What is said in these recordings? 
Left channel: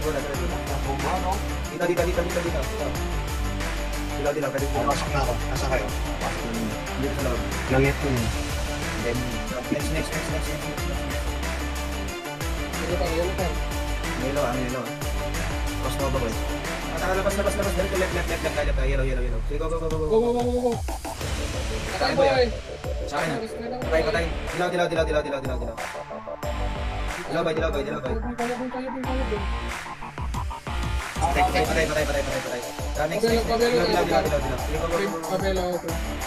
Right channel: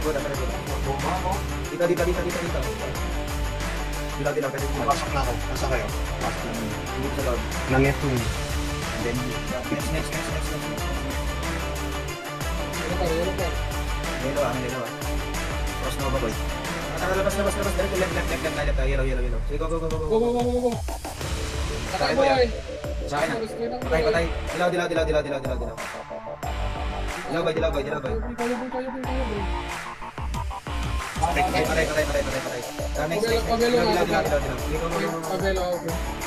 good. Dito. Dilaw din lang, pwede dito. Pasok na ako. Asa kayo? Dito sa loob. Langit ko yun. And then, next. Yellow. Mas no, boy. Tara, labas. Dito, left tayo. Yellow. Sige, go. Patay boy! Sa akin na. Patay. Dilaw. Dilaw, boy. Kaya boy. Patay. Pabelo.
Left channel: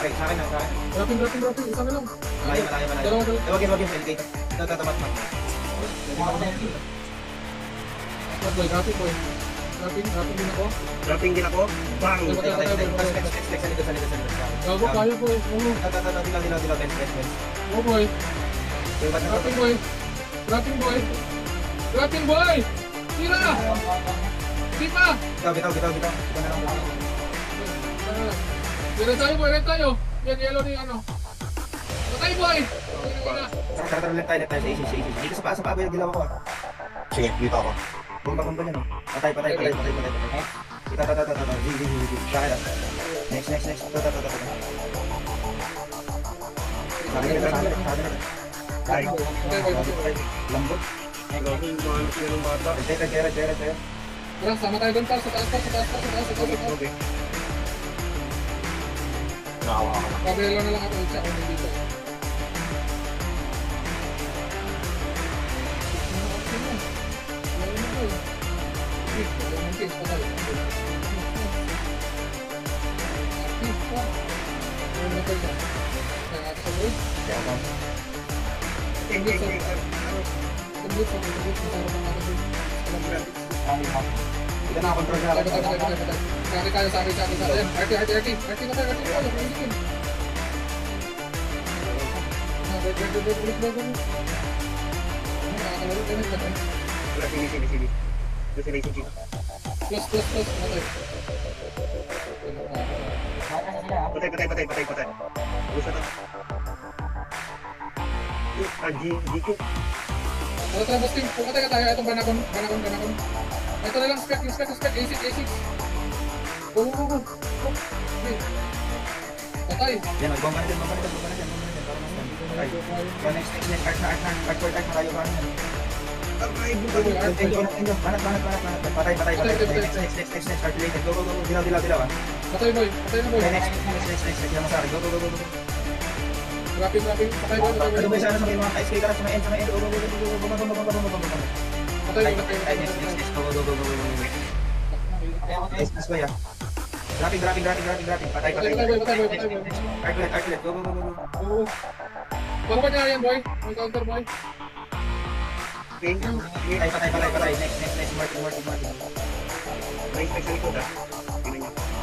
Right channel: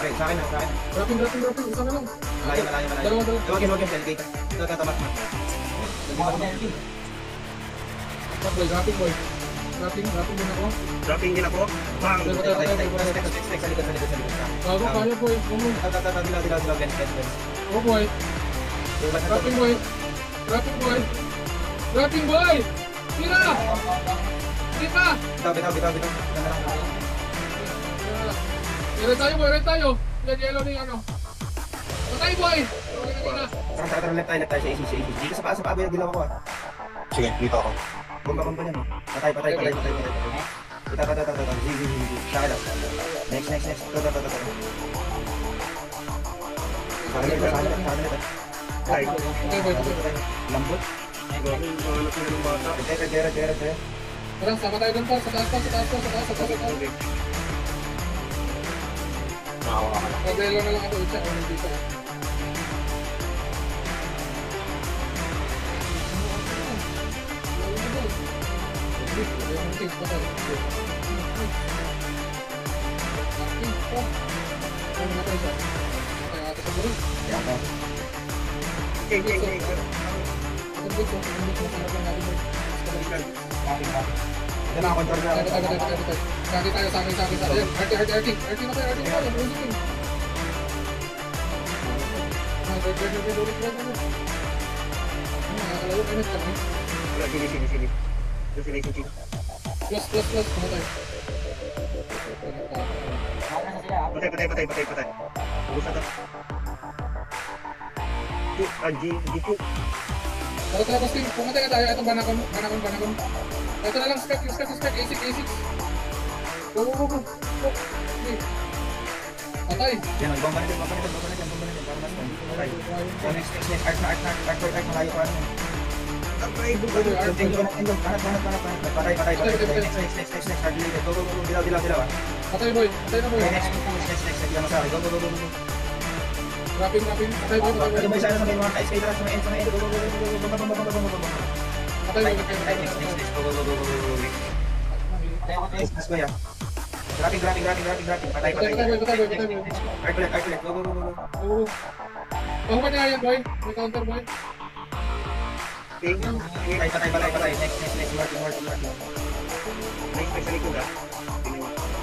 Ay, sa akin na. Dropping. Isa na lang. Malayo. Dalawa. Huwag yan, delicate. Ito, tamat. Dropping boy. Dropping din ako. Dropping din ako. Bang! Next, sa likod. Gago kaya boy. Dilaw. Oh boy. Dropping boy. Tira! Di pa! Bitaw. Red tayo. Yan, yellow ni ano. Patay boy! Tara, left tayo sa AC. Dito sa paa, boy, dilaw ako ah. Sige, dito ako. Bomba niyan oh. Patay. Kita. Saka. Next. Ito. Ay, Lambot. Tira. Tara, sama tayo dun pa. Sa taas. Pabelo na lang ako dito. Patay. Gusto to. Dito. Kalau posting, pumunta ka tayo. Itong banakon. Ito na lang, spec, A6. Go. Patay. Yan, bomba na dyan. Para mas patay. Next. Arc, malayo pa rin. Patay. Next. Calculated. Go. Dilaw. Patay boy. Next. Go. Dropping. Patay boy. Ano ba sana sa may mga ice skater sa may end. Go. Patay boy. Next. Go. Next, kuya. Grabbing. Patay. Calculate. Go. Huwag niya yan boy. May counter boy. Patay. Next. Martin. May sa likod ah.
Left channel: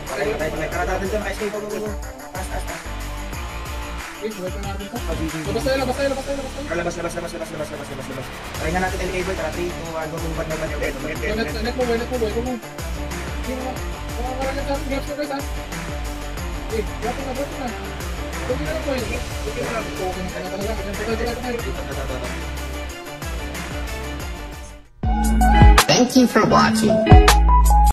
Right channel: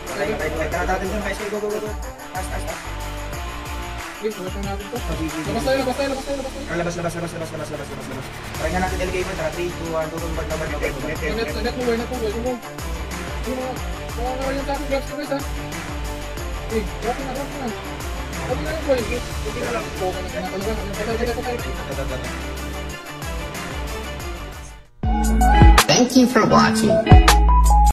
Patay. Karagatan dyan, ice skater. Go. Fast. Wait na natin to. Labas tayo. Labas. Try nga natin LK, tara 3, 2, 1, go. Net mo boy. Go. Makakaroon lang kami. Grabs na guys ha. Okay, dropping na boy. Thank you for watching.